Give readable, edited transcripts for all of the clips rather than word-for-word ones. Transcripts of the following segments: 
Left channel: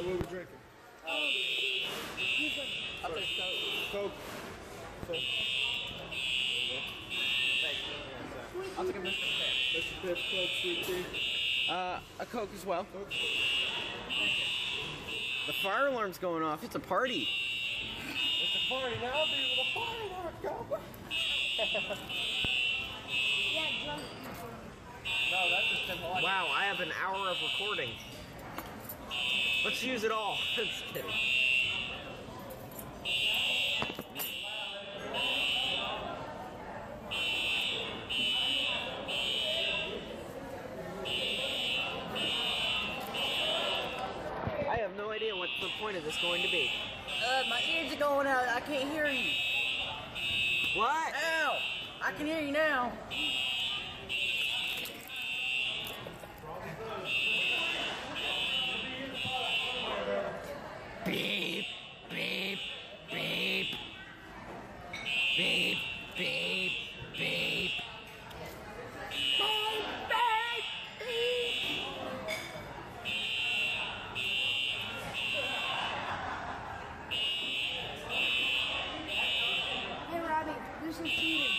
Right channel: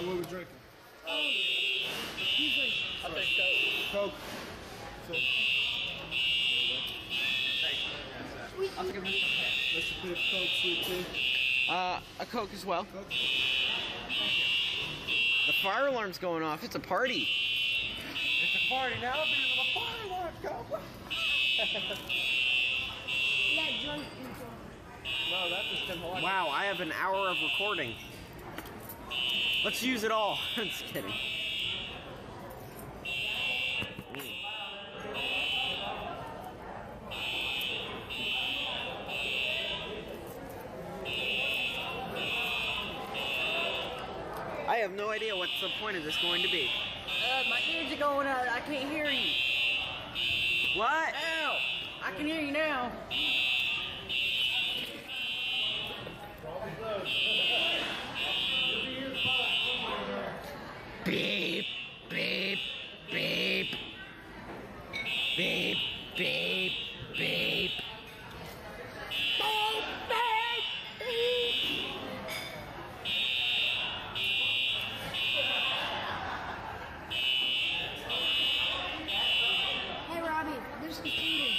what are we drinking? I'll take Coke. So, I'll take a Mr. Piff, Coke, sweet tea. A Coke as well. The fire alarm's going off. It's a party. It's a party now, people. The fire alarm's going. No, that's just been hot. Wow, I have an hour of recording. Let's use it all. Just kidding. I have no idea what the point of this going to be. My ears are going out. I can't hear you. What? Ow! I can hear you now. Beep, beep, beep. Beep, beep, beep. Hey Robbie, this is Peter.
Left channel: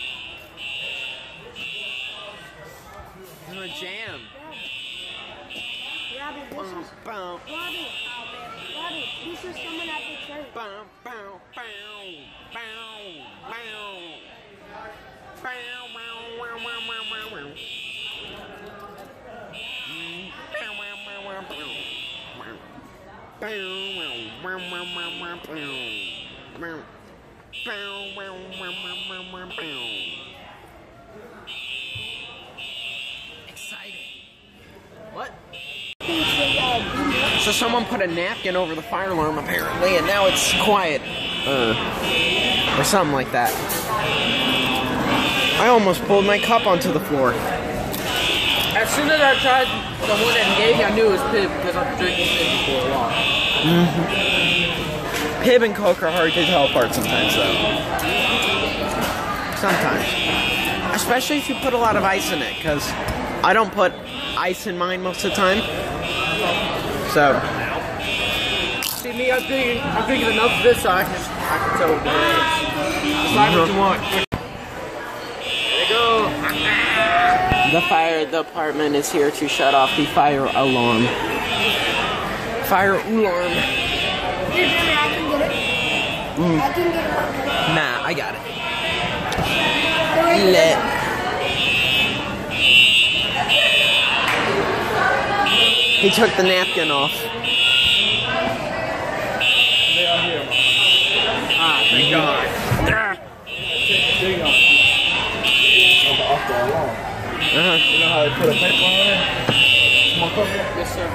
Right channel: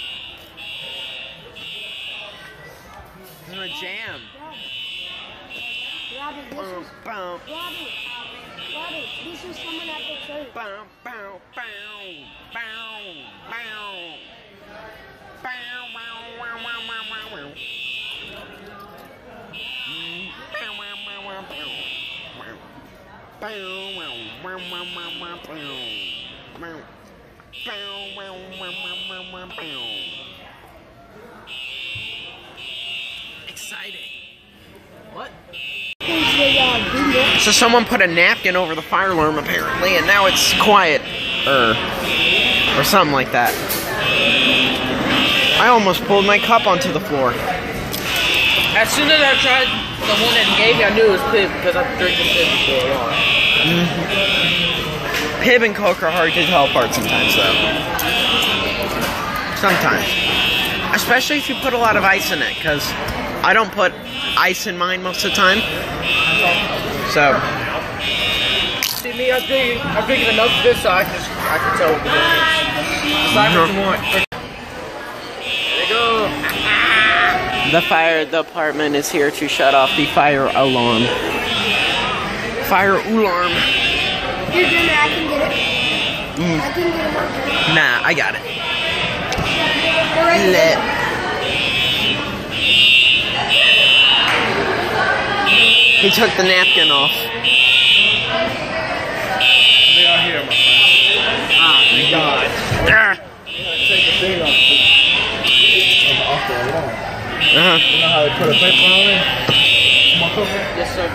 This is a jam. Robbie, this Boom, is boom. Robbie, this is someone at the church. Bow, bow, bow, bow, bow. Bow, wow, wow, wow, wow, wow, wow. Bow, wow, wow, wow, bow. Wow. Bow, wow, wow, wow, wow, wow, bow. Bow. Bow, wow, wow, wow, wow, wow, bow. Exciting. What? So someone put a napkin over the fire alarm apparently, and now it's quiet, or something like that. I almost pulled my cup onto the floor. As soon as I tried the one that he gave me, I knew it was Pib because I've been drinking Pib for a while. Pib and Coke are hard to tell apart sometimes, though. Sometimes. Especially if you put a lot of ice in it, because I don't put ice in mine most of the time. So. See me, I'm drinking enough of this so I can tell what the difference is. Decide what you want. There you go. The fire department is here to shut off the fire alarm. Fire alarm. Hey Jimmy, I can get it. I can get it. Nah, I got it. Lit. Lit. He took the napkin off. They are here, my friend. Ah, thank God. Take the thing off the alarm. Uh-huh. You know how they put a paper on it? Come on, Coke. Yes, sir.